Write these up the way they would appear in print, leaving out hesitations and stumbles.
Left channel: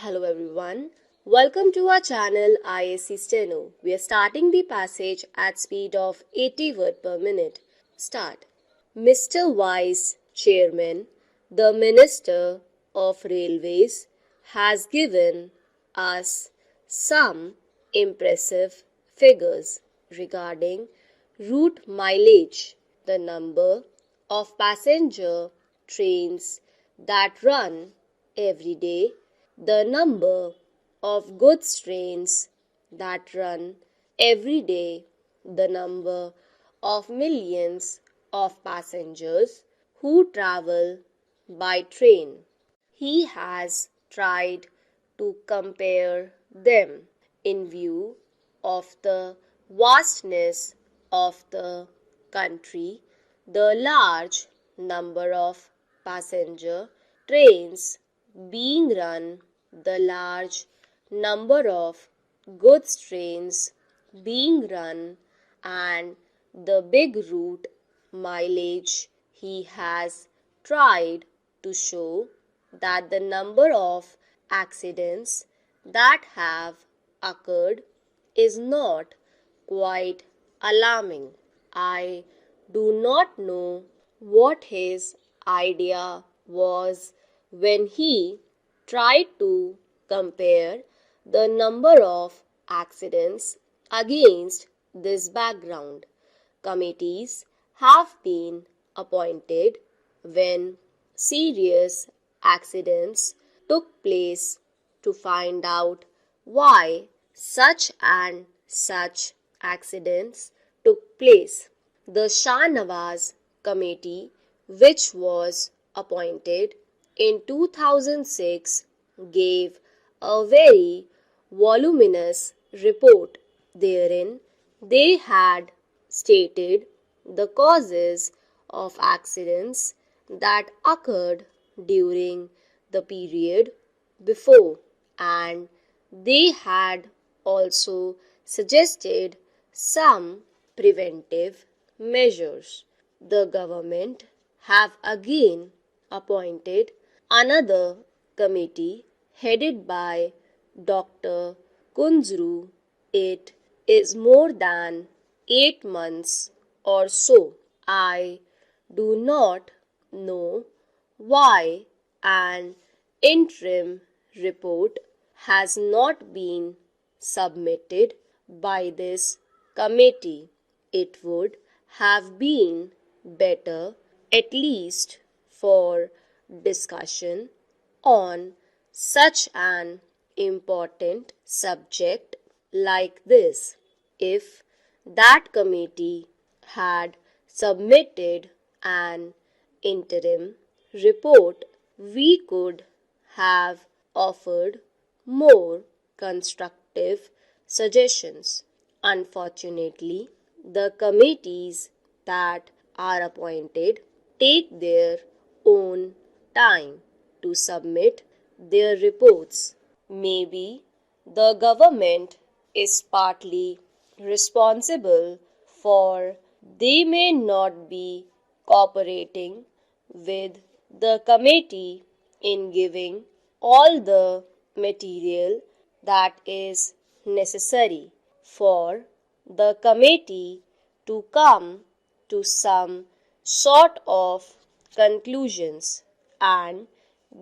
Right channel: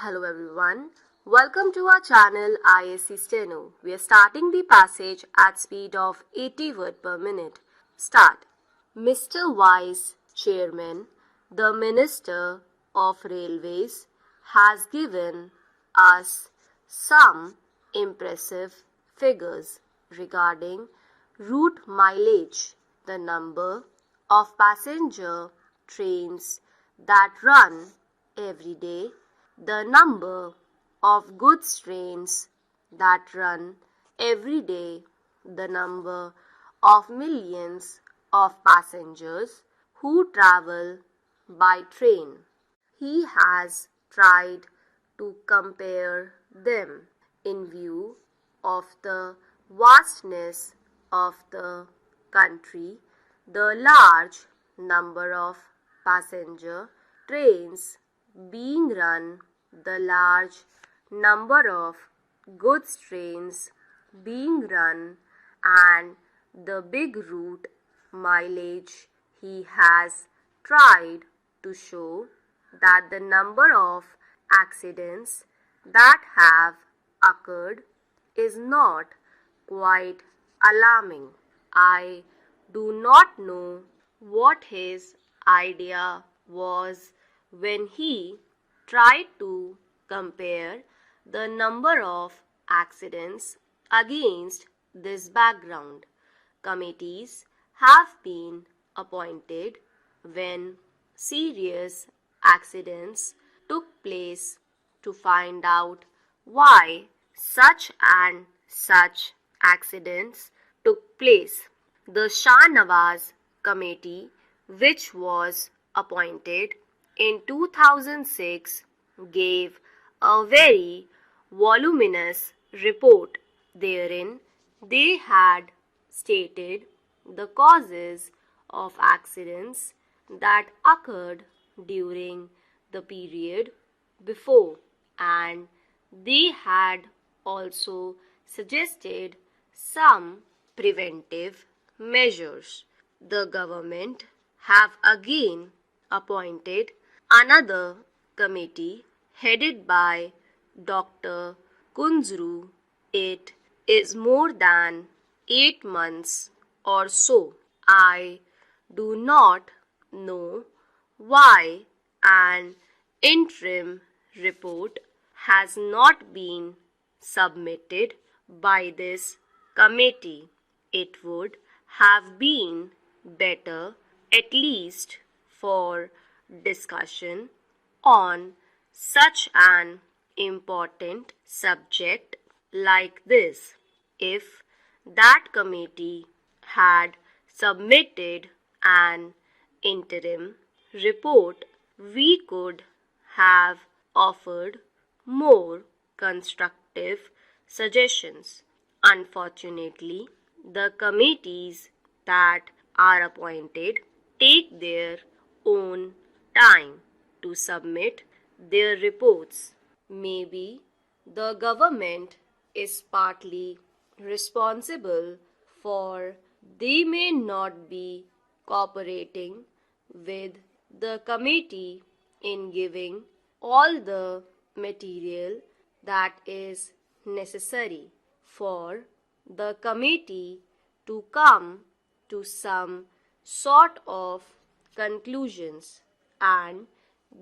Hello everyone. Welcome to our channel ISC Steno. We are starting the passage at speed of 80 words per minute. Start. Mr. Vice Chairman, the Minister of Railways has given us some impressive figures regarding route mileage, the number of passenger trains that run every day, the number of goods trains that run every day, the number of millions of passengers who travel by train. He has tried to compare them in view of the vastness of the country, the large number of passenger trains being run, the large number of goods trains being run, and the big route mileage. He has tried to show that the number of accidents that have occurred is not quite alarming. I do not know what his idea was when he tried to compare the number of accidents against this background. Committees have been appointed when serious accidents took place to find out why such and such accidents took place. The Shah Nawaz Committee, which was appointed in 2006, gave a very voluminous report. Therein, they had stated the causes of accidents that occurred during the period before, and they had also suggested some preventive measures. The government have again appointed another committee headed by Dr. Kunzru. It is more than 8 months or so. I do not know why an interim report has not been submitted by this committee. It would have been better, at least for discussion on such an important subject like this, if that committee had submitted an interim report, we could have offered more constructive suggestions. Unfortunately, the committees that are appointed take their own time to submit their reports. Maybe the government is partly responsible for they may not be cooperating with the committee in giving all the material that is necessary for the committee to come to some sort of conclusions and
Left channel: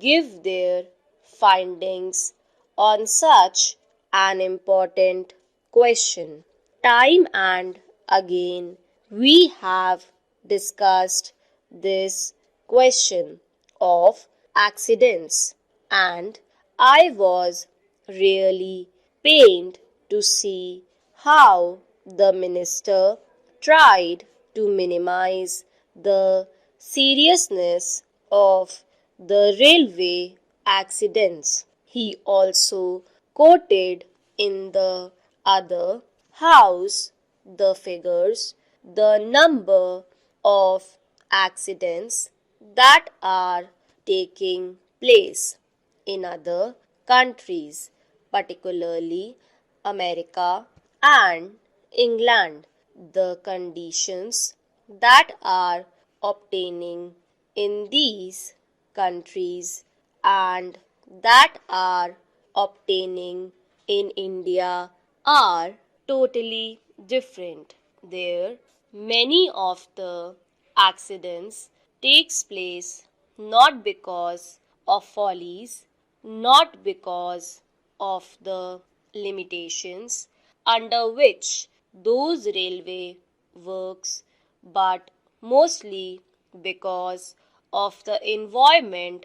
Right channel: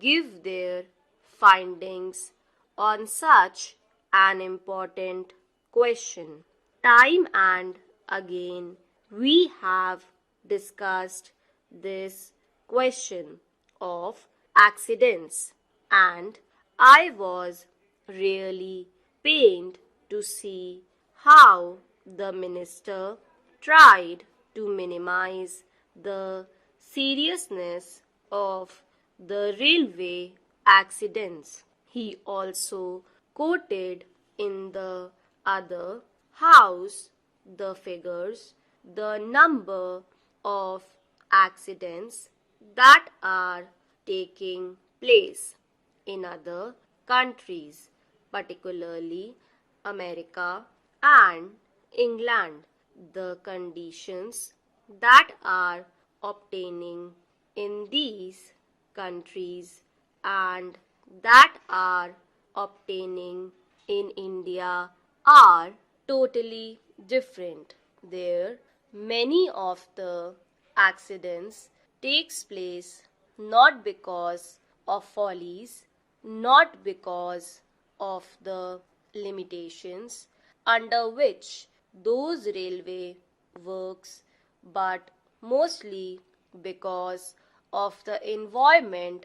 give their findings on such an important question. Time and again, we have discussed this question of accidents, and I was really pained to see how the minister tried to minimize the seriousness of the railway accidents. He also quoted in the other house the figures, the number of accidents that are taking place in other countries, particularly America and England. The conditions that are obtaining in these countries and that are obtaining in India are totally different. There, many of the accidents takes place not because of follies, not because of the limitations under which those railway works, but mostly because of the environment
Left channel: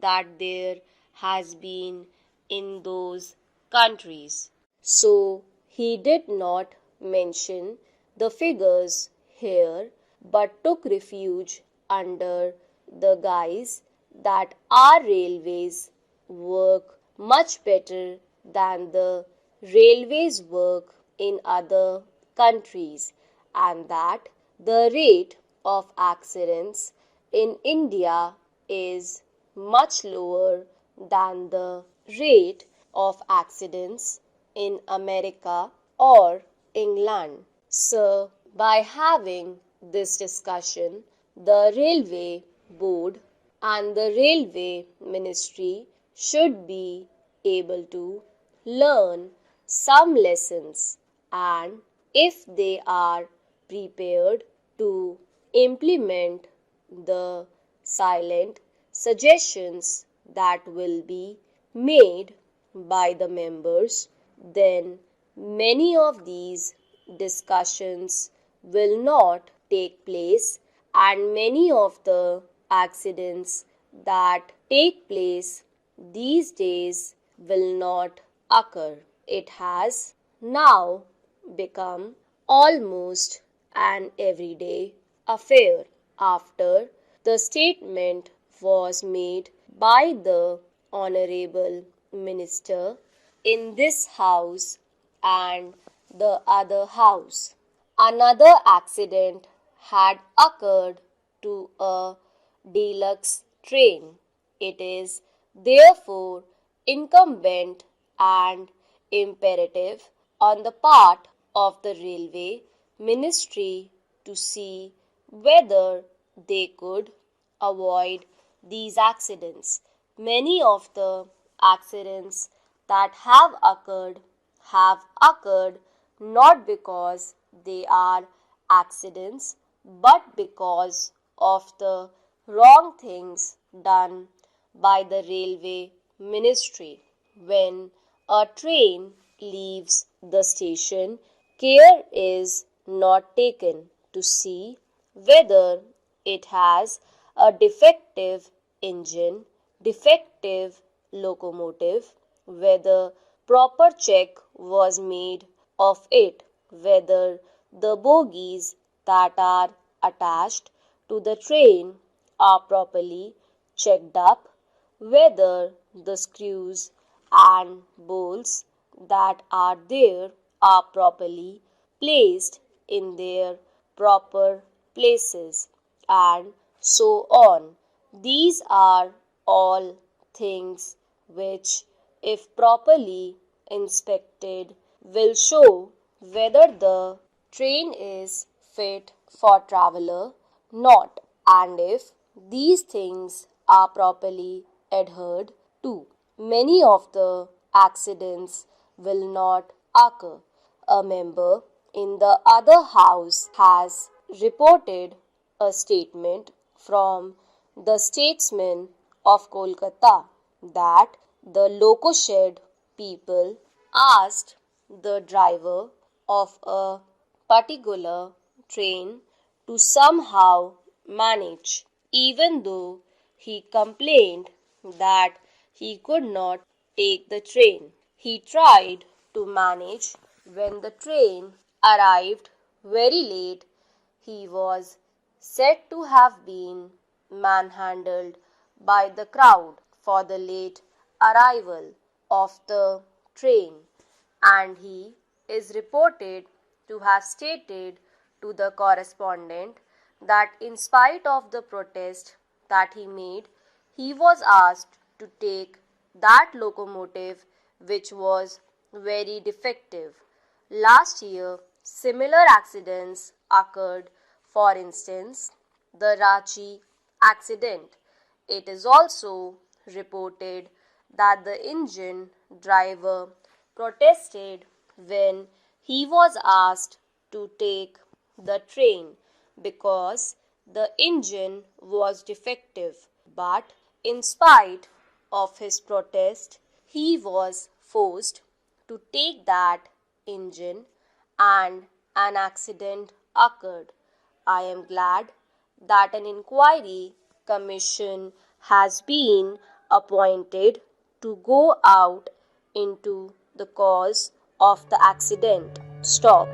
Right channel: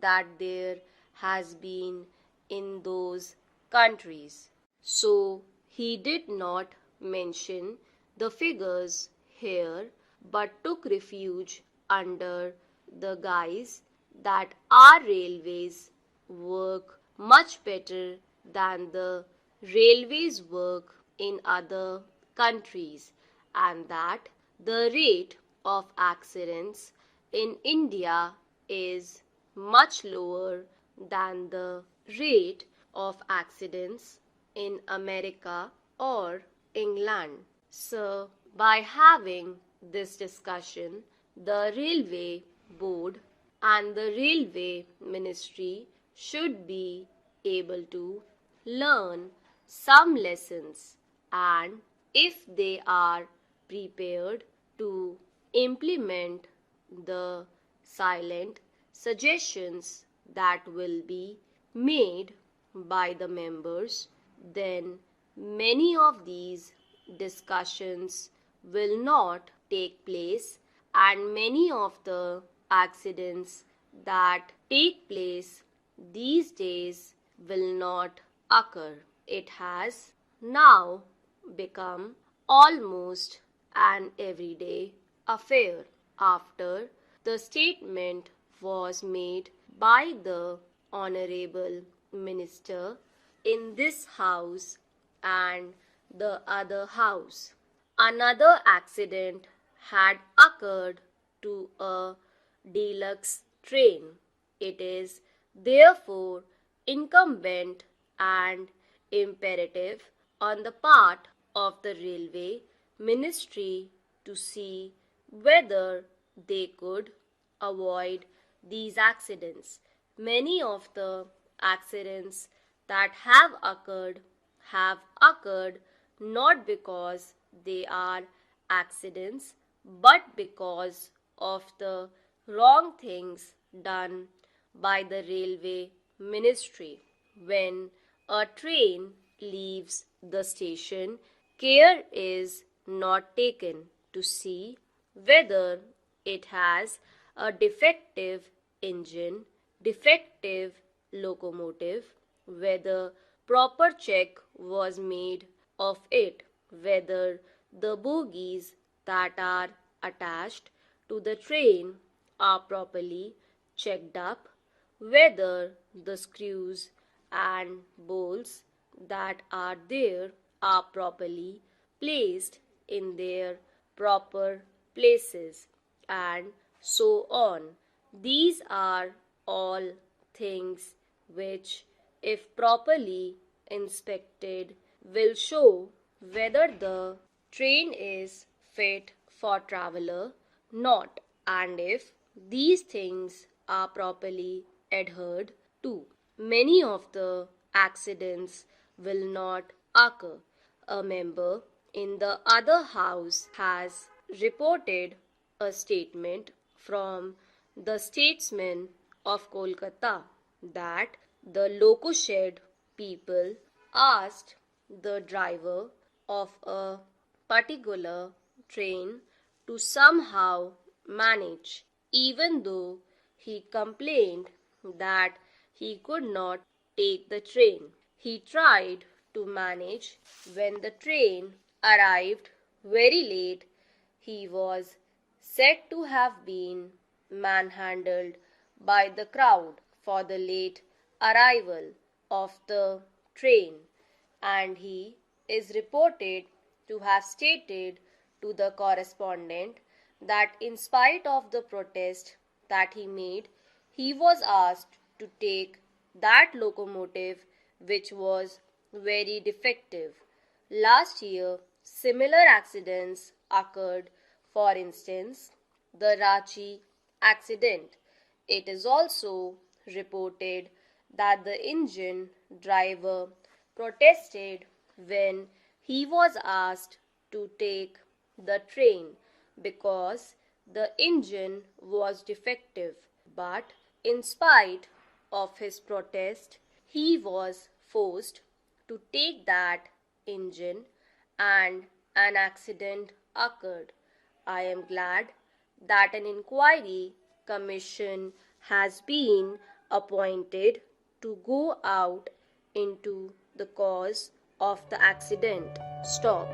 that there has been in those countries. So he did not mention the figures here but took refuge under the guise that our railways work much better than the railways work in other countries, and that the rate of accidents in India is much lower than the rate of accidents in America or England. So, by having this discussion, the Railway Board and the Railway Ministry should be able to learn some lessons, and if they are prepared to implement the silent suggestions that will be made by the members, then many of these discussions will not take place and many of the accidents that take place these days will not occur. It has now become almost an everyday affair after the statement was made by the Honorable Minister in this House and the other House. Another accident had occurred to a deluxe train. It is therefore incumbent and imperative on the part of the Railway Ministry to see whether they could avoid these accidents. Many of the accidents that have occurred not because they are accidents but because of the wrong things done by the railway ministry. When a train leaves the station, care is not taken to see whether it has a defective engine, defective locomotive, whether proper check was made of it, whether the bogies that are attached to the train are properly checked up, whether the screws and bolts that are there are properly placed in their proper places, and so on. These are all things which, if properly inspected, will show whether the train is fit for traveler not, and if these things are properly adhered to, many of the accidents will not occur. A member in the other house has reported a statement from the statesman of Kolkata that the loco shed people asked the driver of a particular train to somehow manage, even though he complained that he could not take the train. He tried to manage. When the train arrived very late, he was said to have been manhandled by the crowd for the late arrival of the train, and he is reported to have stated to the correspondent that in spite of the protest that he made, he was asked to take that locomotive which was very defective. Last year, similar accidents occurred. For instance, the Ranchi accident. It is also reported that the engine driver protested when he was asked to take the train because the engine was defective. But in spite of his protest, he was forced to take that engine and an accident occurred. I am glad that an inquiry commission has been appointed to go out into the cause of the accident. Stop.